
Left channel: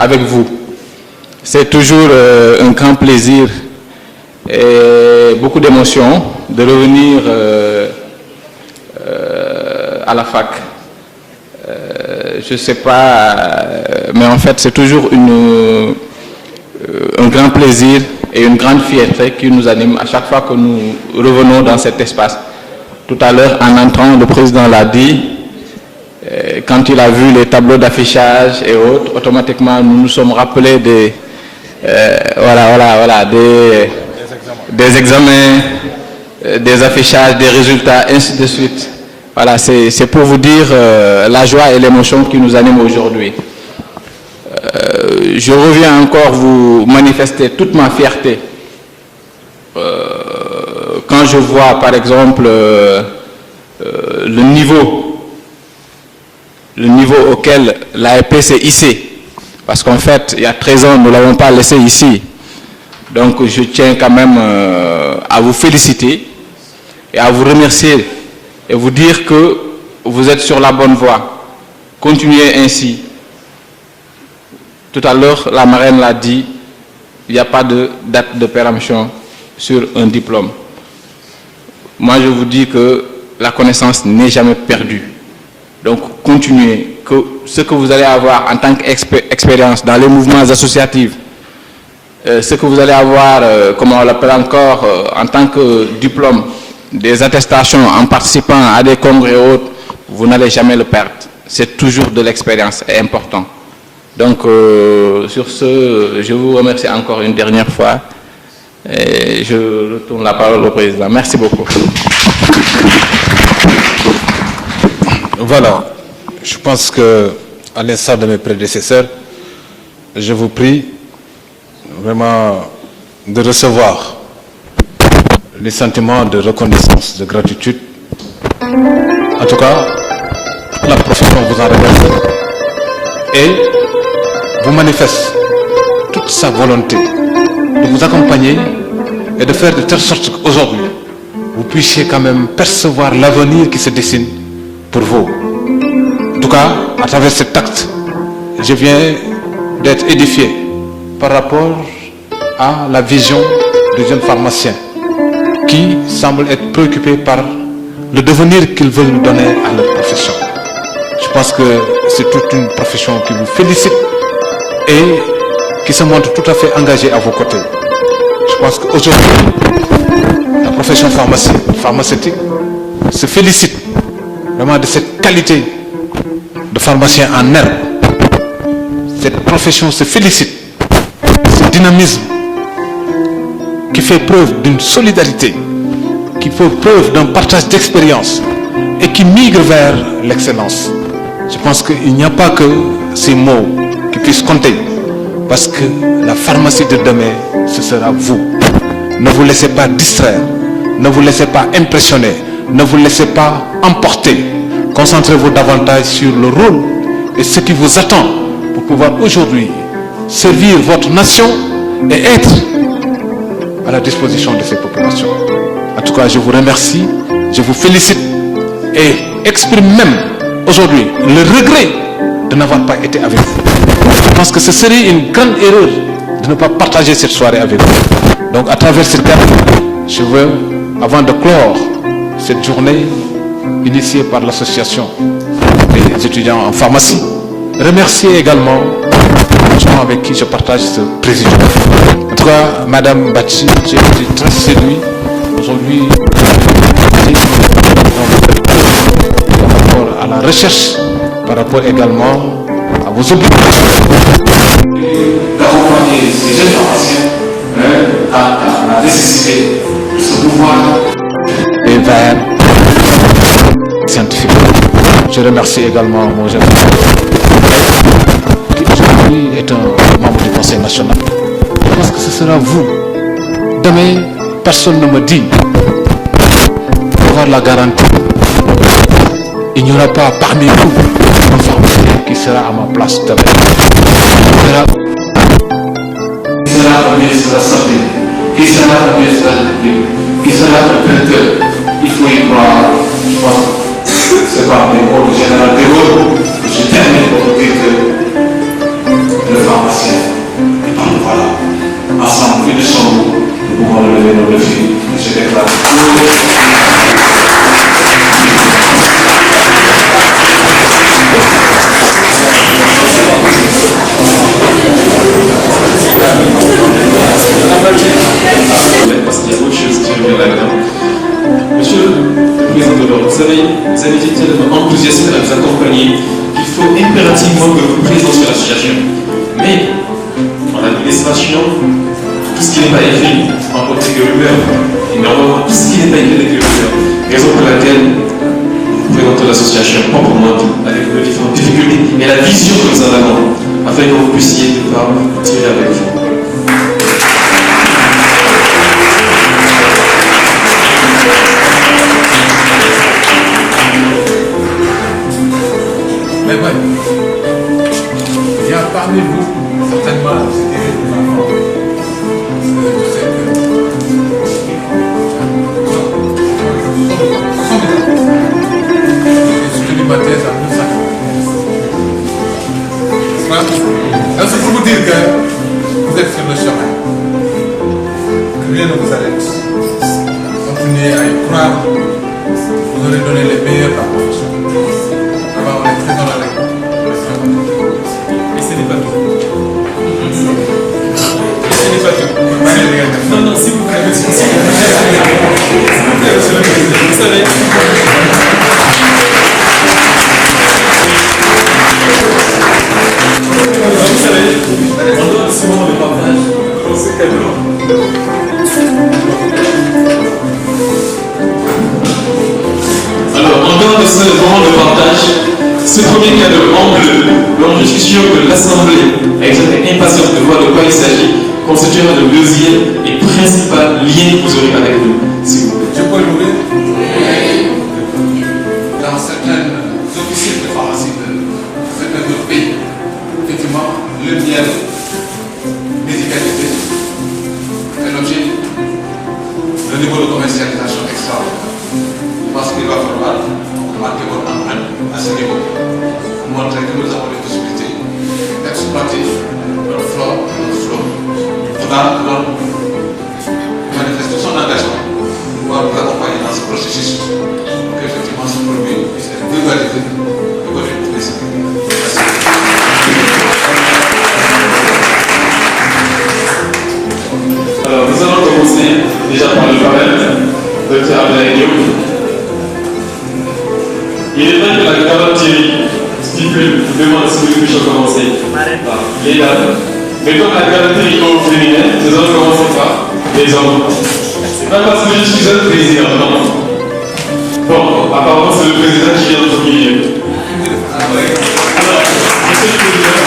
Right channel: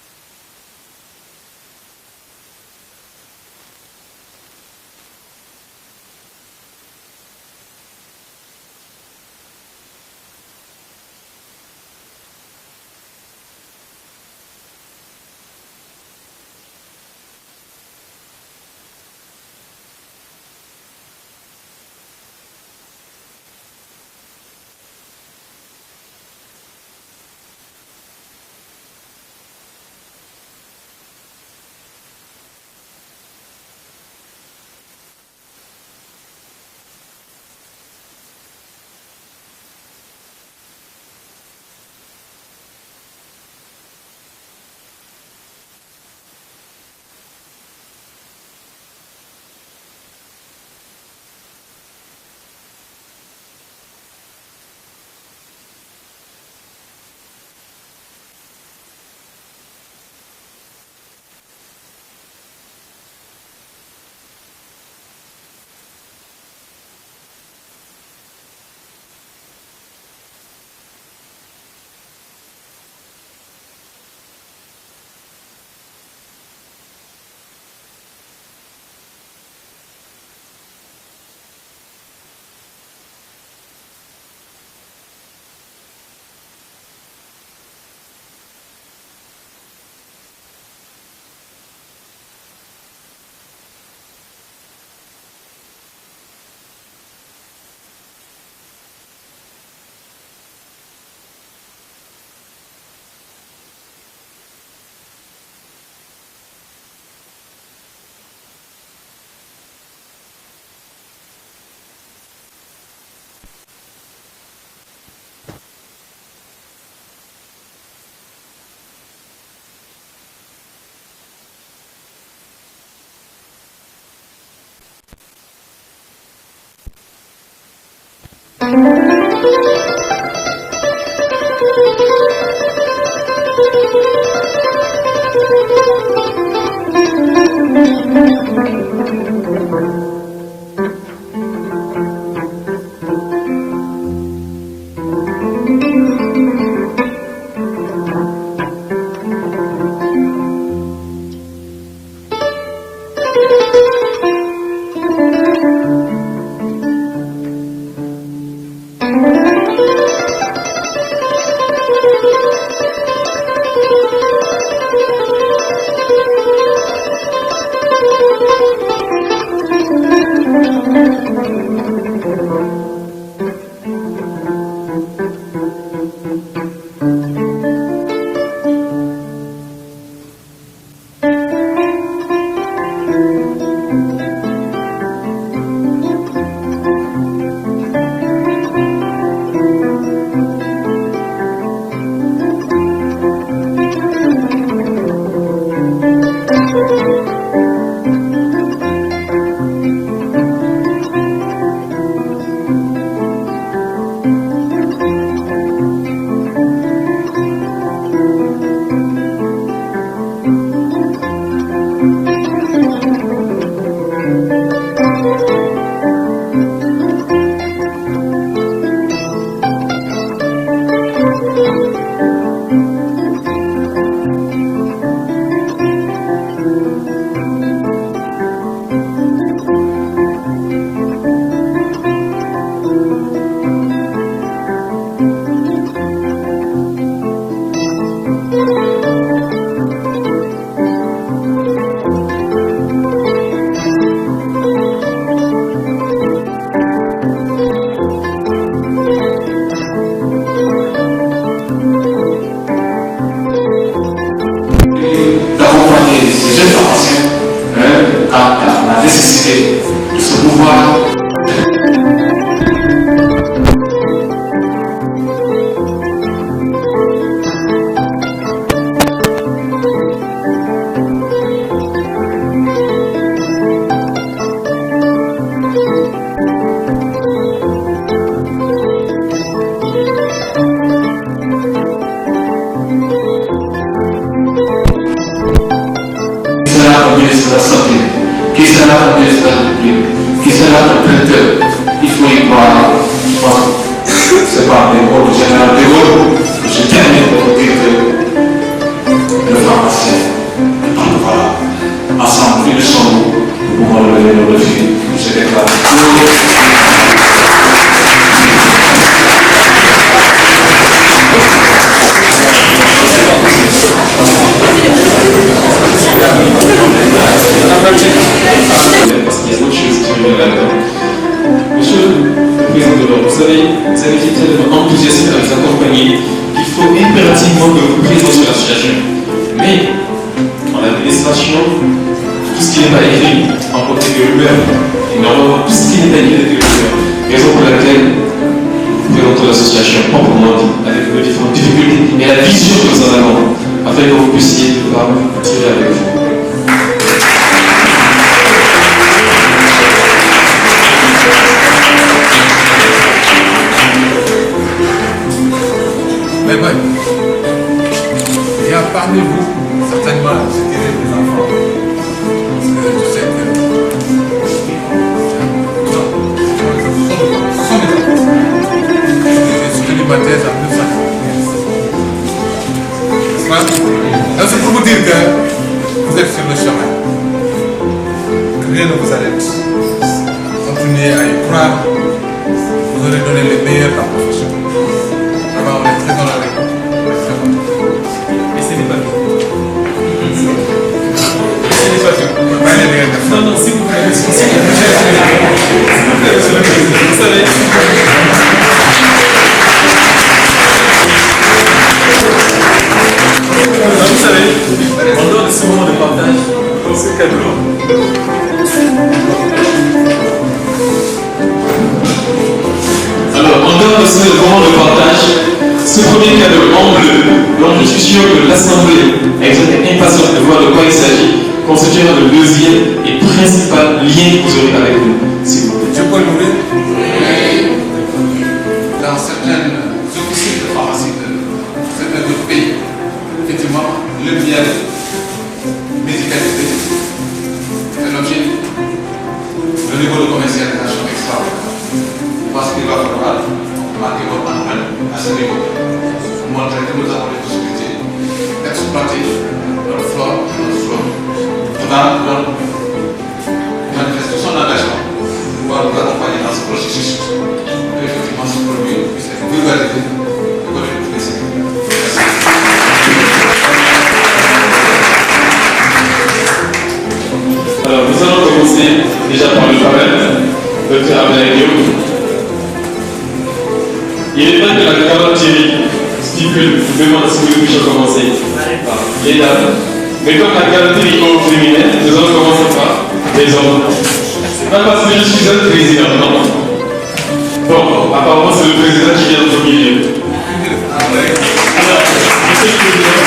avec vous. C'est toujours un grand plaisir et beaucoup d'émotions de revenir à la fac. Je ne sais pas, mais en fait c'est toujours un grand plaisir et une grande fierté qui nous anime à chaque fois que nous revenons dans cet espace. Tout à l'heure, en entrant, le président l'a dit, quand il a vu les tableaux d'affichage et autres, automatiquement nous nous sommes rappelés des examens, des affichages, des résultats, ainsi de suite. Voilà, c'est pour vous dire la joie et l'émotion qui nous animent aujourd'hui. Je reviens encore vous manifester toute ma fierté quand je vois par exemple le niveau auquel l'AEP s'est hissée. Parce qu'en fait, il y a 13 ans, nous ne l'avons pas laissé ici. Donc je tiens quand même à vous féliciter et à vous remercier et vous dire que vous êtes sur la bonne voie. Continuez ainsi. Tout à l'heure, la marraine l'a dit, il n'y a pas de date de péremption sur un diplôme. Moi, je vous dis que la connaissance n'est jamais perdue. Donc, continuez. Que ce que vous allez avoir en tant qu'expérience dans les mouvements associatifs, ce que vous allez avoir, comme on l'appelle encore, en tant que diplôme, des attestations en participant à des congrès et autres, vous n'allez jamais le perdre. C'est toujours de l'expérience et important. Donc, sur ce, je vous remercie encore une dernière fois et je retourne la parole au président. Merci beaucoup. Voilà, je pense que, à l'instar de mes prédécesseurs, je vous prie vraiment de recevoir les sentiments de reconnaissance, de gratitude. En tout cas, la profession vous en remercie et vous manifeste toute sa volonté de vous accompagner et de faire de telle sorte qu'aujourd'hui, vous puissiez quand même percevoir l'avenir qui se dessine pour vous. En tout cas, à travers cet acte, je viens d'être édifié par rapport à la vision des jeunes pharmaciens qui semblent être préoccupés par le devenir qu'ils veulent nous donner à leur profession. Je pense que c'est toute une profession qui vous félicite et qui se montre tout à fait engagée à vos côtés. Je pense qu'aujourd'hui, la profession pharmaceutique se félicite vraiment de cette qualité de pharmacien en herbe. Cette profession se félicite de ce dynamisme qui fait preuve d'une solidarité, qui fait preuve d'un partage d'expérience et qui migre vers l'excellence. Je pense qu'il n'y a pas que ces mots qui puissent compter, parce que la pharmacie de demain, ce sera vous. Ne vous laissez pas distraire, ne vous laissez pas impressionner, ne vous laissez pas emporter. Concentrez-vous davantage sur le rôle et ce qui vous attend pour pouvoir aujourd'hui servir votre nation et être à la disposition de ces populations. En tout cas, je vous remercie, je vous félicite et exprime même aujourd'hui le regret de n'avoir pas été avec vous. Je pense que ce serait une grande erreur de ne pas partager cette soirée avec vous. Donc à travers cette date, je veux, avant de clore cette journée initiée par l'association des étudiants en pharmacie, remercier également les gens avec qui je partage ce président. En tout cas, Madame Bachi, j'ai été très séduit aujourd'hui par rapport à la recherche, par rapport également à vos obligations. D'accompagner ces jeunes pharmaciens à la nécessité de se mouvoir vers scientifique. Je remercie également mon jeune frère qui aujourd'hui est un membre nationale. Parce que ce sera vous. Demain, personne ne me dit d'avoir la garantie. Il n'y aura pas parmi vous une femme qui sera à ma place demain. Qui sera au ministre de la Santé, qui sera au ministre de la République, qui sera le directeur. Il faut y croire. C'est pas un rôle général de rôle. Je termine pour vous dire que le pharmacien, voilà, ensemble, plus de son nous pouvons lever nos défis. Je déclare. Parce qu'il y a autre chose qui me là-dedans. Monsieur le Président de l'Ordre, vous avez été tellement enthousiaste à vous accompagner qu'il faut impérativement que vous présentez sur l'association. Mais en administration, tout ce qui n'est pas écrit en côté de rumeur, et normalement tout ce qui n'est pas écrit est rumeur. Raison pour laquelle vous présentez l'association proprement avec vos différentes difficultés et la vision que nous en avons afin que vous puissiez pouvoir tirer avec vous. Mais bon, il y a parmi vous, certainement, je dirais des enfants. Je sais que j'ai soutenu ma thèse en 1995. C'est pour vous dire que vous êtes sur le chemin. Que rien ne vous arrête. Continuez à y croire. Vous aurez donné les meilleurs dans la profession. On est très dans la règle. Mais ce n'est pas tout. Ce n'est pas tout. Non, non, s'il vous plaît, monsieur le Président, vous savez. Vous savez, pendant ce moment de partage, dans ce tableau, alors, en dehors de ce moment de partage, ce premier cadeau en bleu, dont je suis sûr que l'Assemblée est impatiente de voir de quoi il s'agit, constituera le deuxième et principal lien que vous aurez avec nous. S'il vous plaît. Je peux l'ouvrir? Dans certaines officines de pharmacie de certains autres pays, effectivement, le miel médicalisé est l'objet de niveau de commercialisation extraordinaire. Parce qu'il va falloir marquer votre empreinte à ce niveau, montrer que nous avons les possibilités d'exploiter notre flore et notre faune. On a donc manifesté son engagement pour nous accompagner dans ce processus, que effectivement ce produit puisse être vulgarisé et connu. Merci. Alors, nous allons commencer déjà par le panel, Dr. Abel Diop. Il est temps que la carotte Thierry stipule ou demande si nous puissions commencer les dames. Mais comme la carotte au féminin, nous allons commencer par les hommes. C'est pas parce que je suis un président, non. Bon, apparemment c'est le président qui vient au milieu. Alors, monsieur le président,